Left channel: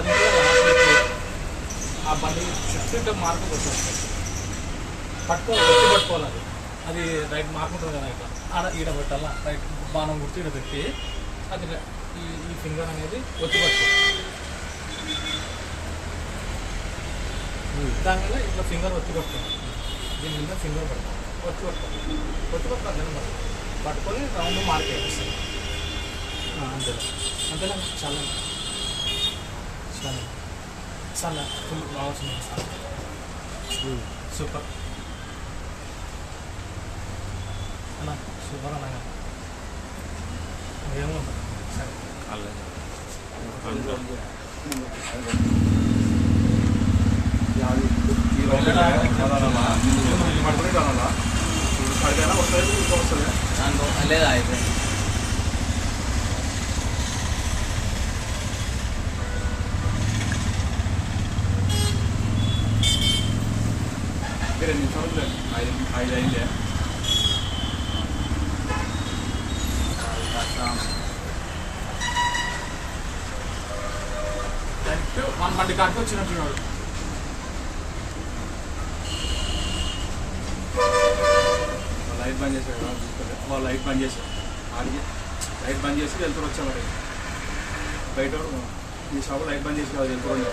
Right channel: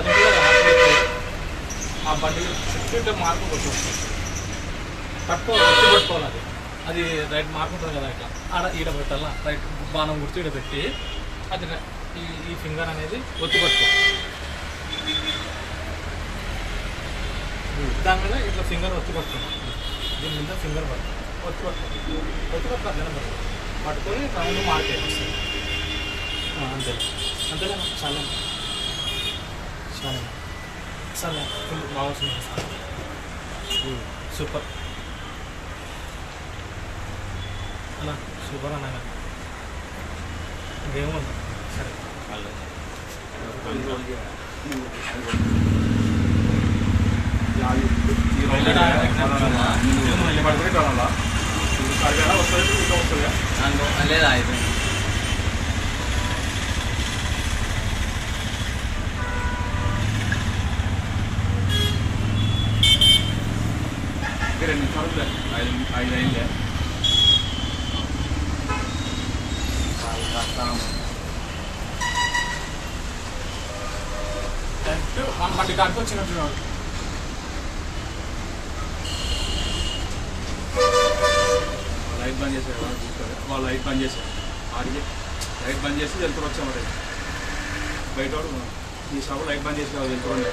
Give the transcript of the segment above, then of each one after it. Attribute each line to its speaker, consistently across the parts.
Speaker 1: అది కూడా ఆ బండి షిఫ్ట్ ఇట్లా మార్పు కొట్టుకోవచ్చు పట్టుకో వచ్చి పట్టుకోవాలి అది అది రైట్ మార్పు ఉంటుంది కదా ఇట్లా ఆడ ఈడ పెట్టాలా రైట్ బాణం గుర్తు ఈడ పెట్టి అది ఈ ఈ ఫింగర్ అనేది ఒత్తి పట్టుకోవాలి దాని మీద ఇట్లా ఫింగర్ ఒత్తి పట్టుకోవాలి దీని మీద ఫింగర్ పట్టుకోవాలి ఒత్తి పట్టుకోవాలి ఒత్తి పట్టుకోవాలి అదే పట్టుకోవాలి పట్టుకొని రౌండ్ మార్కెట్ వస్తుంది అంతే. అంతేనా? చాలా. చాలా ఫుల్ సార్ సూపర్ అలా సూపర్ అనగా ఇంకేముంది సరే
Speaker 2: పడుకునే కావాలా అది ఎలా వస్తుంది ఇంకా వస్తుందా
Speaker 3: దాంట్లో లేదా అయిపోయింది
Speaker 2: ఇంకా రెండు నిమిషాలు ఐదు ఐదు అయిందే
Speaker 1: వన్ బండి కరెక్ట్ వచ్చినట్టు వాడు
Speaker 2: లైట్ బంద్ చేశారు వాళ్ళు చూసుకోవాలి. వాళ్ళు లైట్ బంద్ చేశారు ఆడికి లైట్ బంద్ చేసి వెళ్తూ వచ్చేవాడు బయట వాడు ఈ షాప్ లైట్ బంద్ చేసి వాళ్ళు వెళ్తూ ఉండే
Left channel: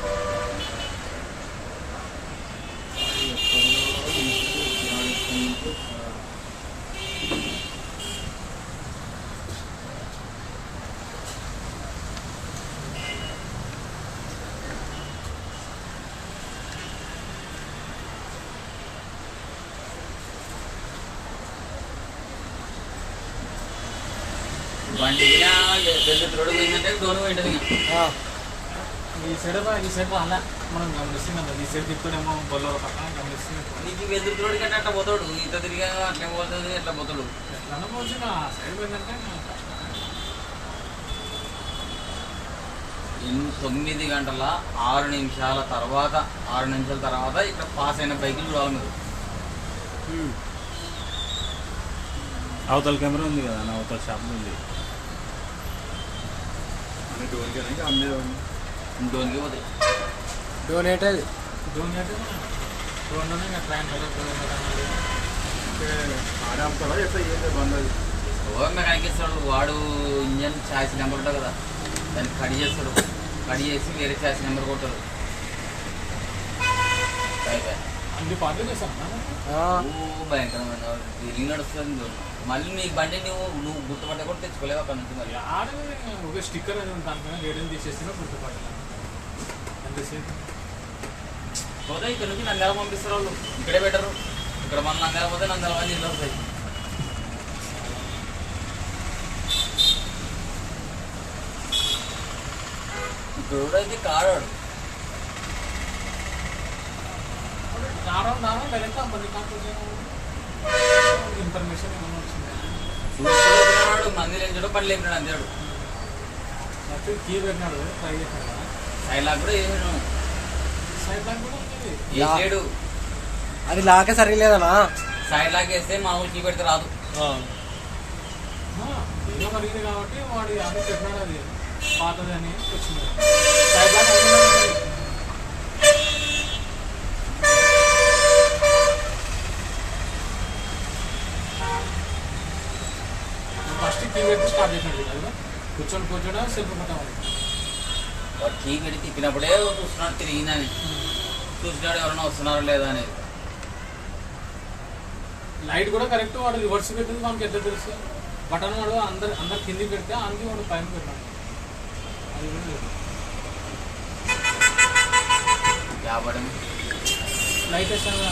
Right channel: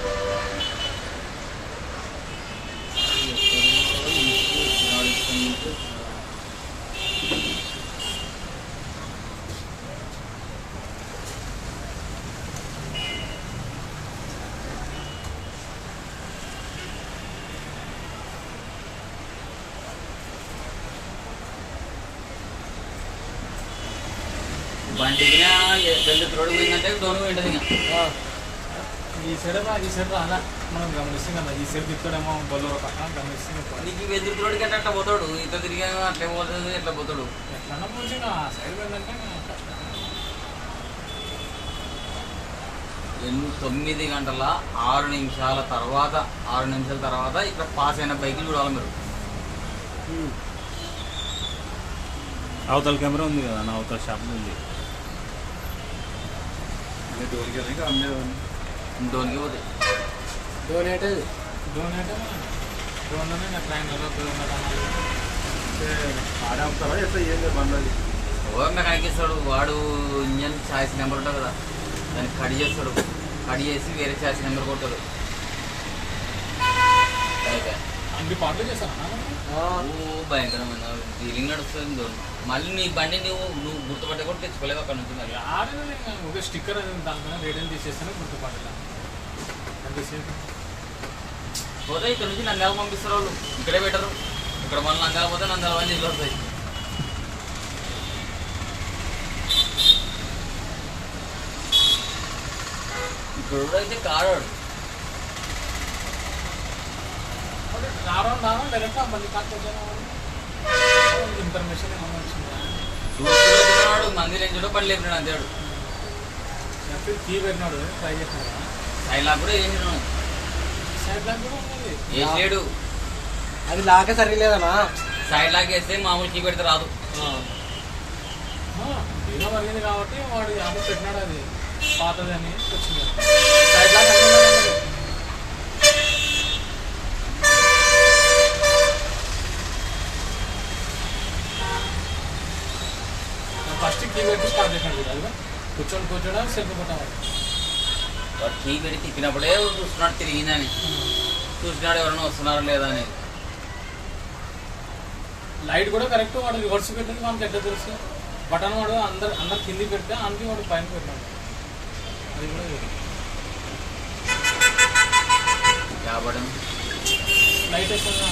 Speaker 3: బండికి పెద్ద తోడు పోయిందంటే డోను
Speaker 1: ఈ సైడ్ ఈ సైడ్ అలా మనం గమనిస్తున్నాం ఈ సైడ్ తిప్పుతాడేమో బొల్లో పక్కన గమనిస్తున్నాం
Speaker 3: నీకు వెదురు తోడికి అంటే అట్లా పోతాడు. ఇంత తిరిగా అట్లా పోతుంది ఎట్లా పోతాడు.
Speaker 1: పోవచ్చు ఆ సైడ్.
Speaker 3: ఎన్ని తొమ్మిది గంటల ఆరు నిమిషాల తర్వాత ఆరు నిమిషాల తర్వాత ఇక్కడ పాస్ అయిన బైక్ చూడాలి మీరు.
Speaker 4: అవతల కెమెరా ఉంది కదా నా అవతల షాప్ ఉంది.
Speaker 2: అన్నీ డోర్కి ఇంకా అన్నీ
Speaker 3: డోన్కి పోతాయి
Speaker 1: ట్రైన్ కదా అన్నారు.
Speaker 2: ఆడే ఆపుతాడా ఎట్లా ఏం లేదు బండి అది
Speaker 3: ఓ మెకానిక్ ఇస్తాడు? వాడు ఇంజన్ ఛాయిస్ నెంబర్ ఉంటుంది కదా. దాన్ని కట్ చేస్తాడు. కట్ చేసి వేరే ఛాయిస్ నెంబర్ ఓ భయంకరమైన డీలింగ్ నడుస్తుంది దూరం. మళ్ళీ నీ బండి నువ్వు నువ్వు గుర్తుపట్ట కూడా తెచ్చుకోలేవు అక్కడ నుంచి మరి
Speaker 1: ఆడేది ఒక స్టిక్కర్ అది దానిపైన రేడియం తీసేస్తేనే అది తీసేది
Speaker 3: పోతే ఇక్కడ నుంచి నంద్యాల పంపిస్తారు వాళ్ళు. ఇక్కడే పెట్టరు. ఇక్కడ మన నంద్యాల పోతే నంద్యాల పని ఇల్లు వస్తాయి. ఇక్కడ అయితే కాడాడు
Speaker 1: ఇన్ఫర్మేషన్ ఏమన్నా వచ్చిందా?
Speaker 3: చూసుకుని వచ్చినవాడు మంది లేచాడు పని లేపినాడు అంతేడు
Speaker 1: పెట్టినాడు ట్రై చేశాను
Speaker 3: సైడ్ లాక్ కూడా చేసాను
Speaker 1: సైడ్ బ్యాంక్ కూడా ఉంది
Speaker 3: వేసాడు
Speaker 5: అది లాకే సరిలేదనా
Speaker 3: సైడ్ లాక్ వేస్తే మామూలు కీ పెడితే రాదు.
Speaker 1: కాబట్టి వాడు అది పెట్టినాడు అది. వచ్చింది. సైడ్ అనుకున్నాడు ఫస్ట్ కీ పెట్టి స్టార్ట్ చేసినాడు అది కూర్చొని కూర్చోడా సెల్ఫ్ కొట్టాలి.
Speaker 3: కీ పెట్టి తిప్పినప్పుడే చూస్తున్నాడు తిరిగిందని. చూసినాడు ఎవరైనా వస్తున్నారో లేదా అనేది.
Speaker 1: లైట్ కూడా కరెక్ట్ వాడు రివర్స్ పెట్టింది మనకి ఎట్లా తెలుసు? బటన్ వాడు అందరు అందరు కింది పెడితే అందుకే వాడు పైన పెట్టినాడు అది కూడా.
Speaker 3: యాభడం
Speaker 1: లైట్ వేస్తాను